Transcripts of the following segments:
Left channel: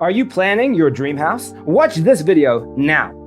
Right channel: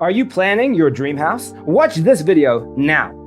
Are you planning your dream house? Watch this video now.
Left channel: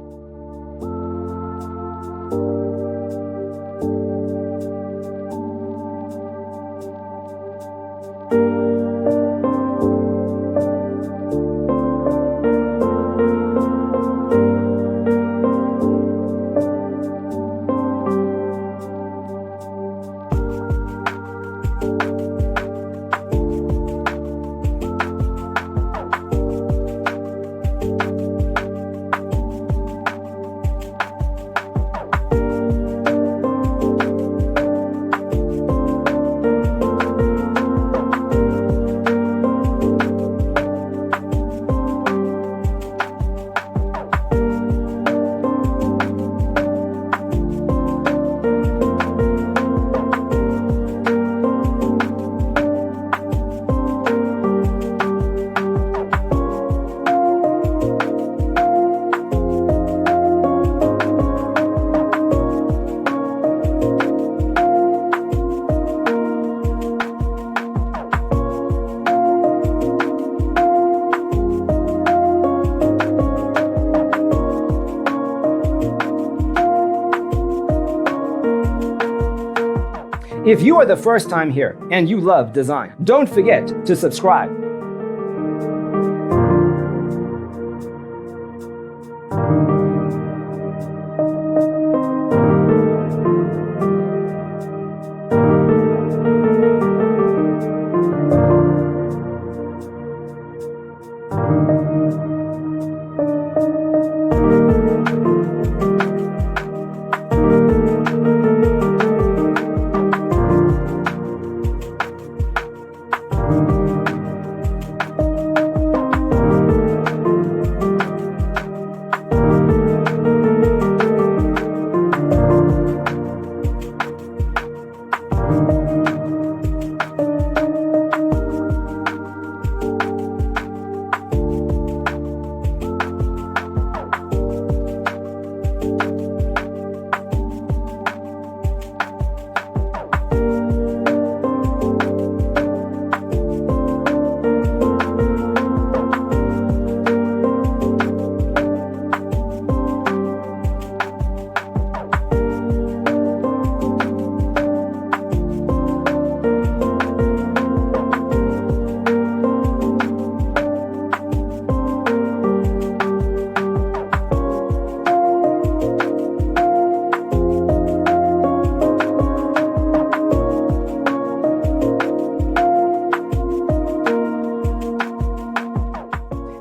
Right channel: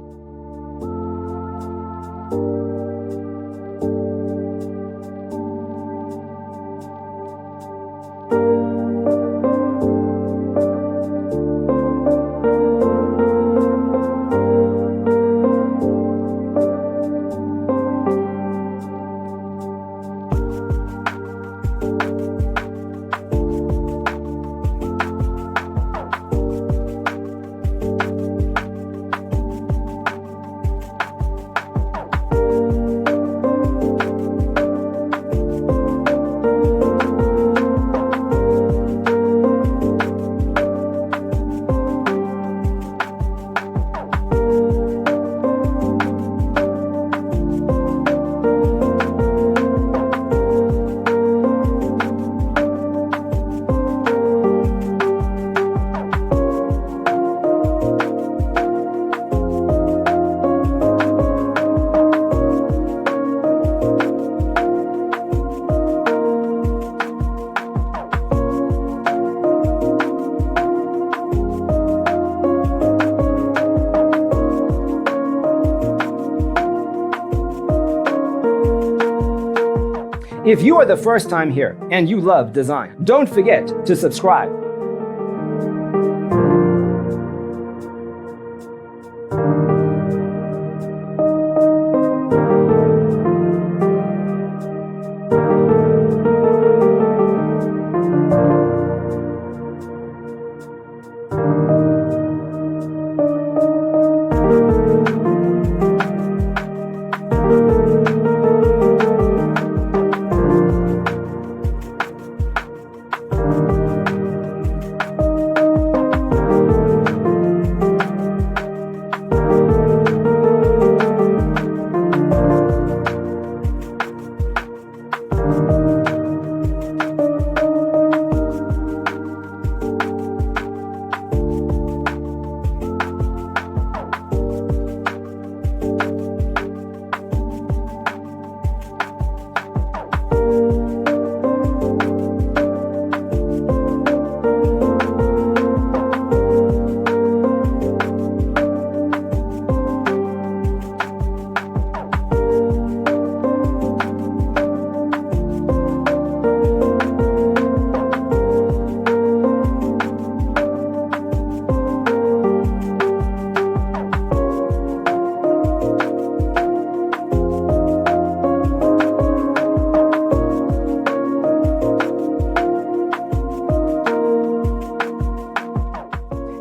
If you are the first time here and you love design, don't forget to subscribe.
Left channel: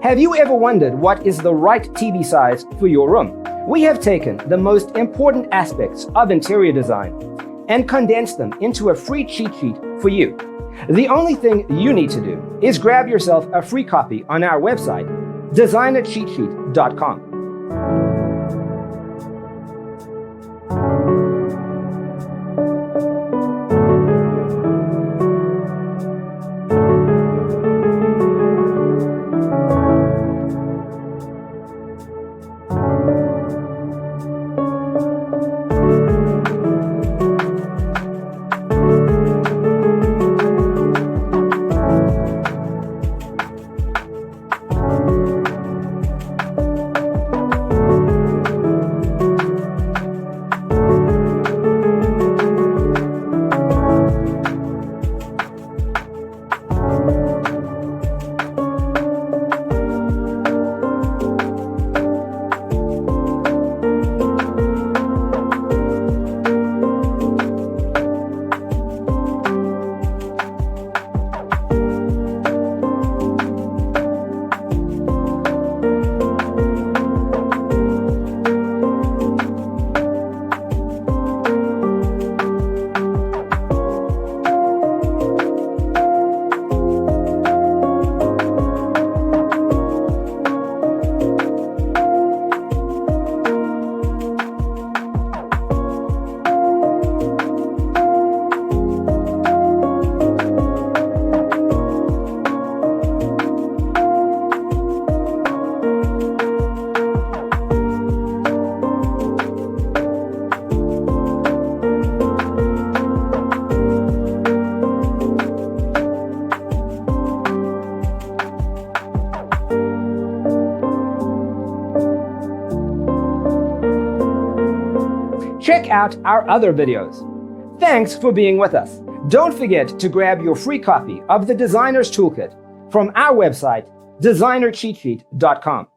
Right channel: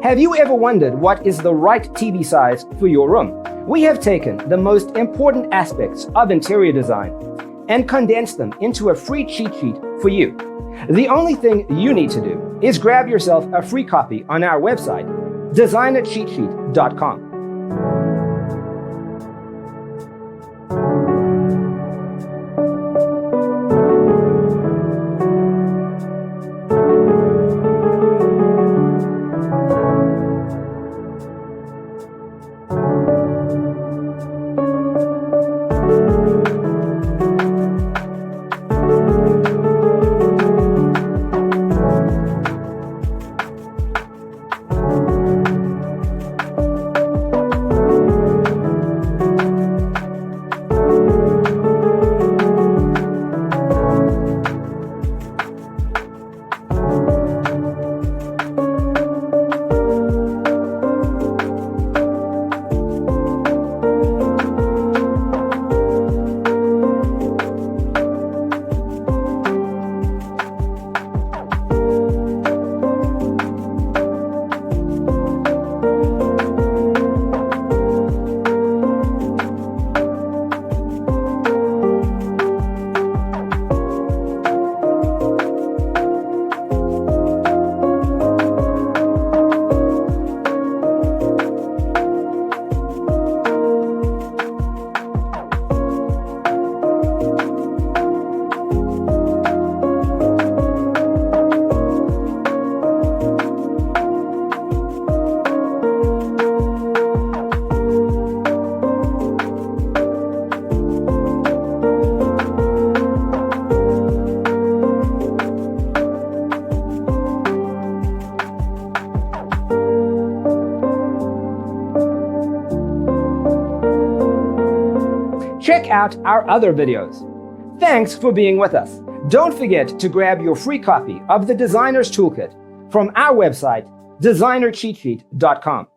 Have you ever wondered what is the right TV size for your room? We have taken the most important aspects of interior design and condensed them into a free cheat sheet for you. The only thing you need to do is grab yourself a free copy on our website, designercheatsheet.com. check out our other videos. Thanks for being with us. Don't forget to grab your free copy of the Designer's Toolkit from our website, designercheatsheet.com.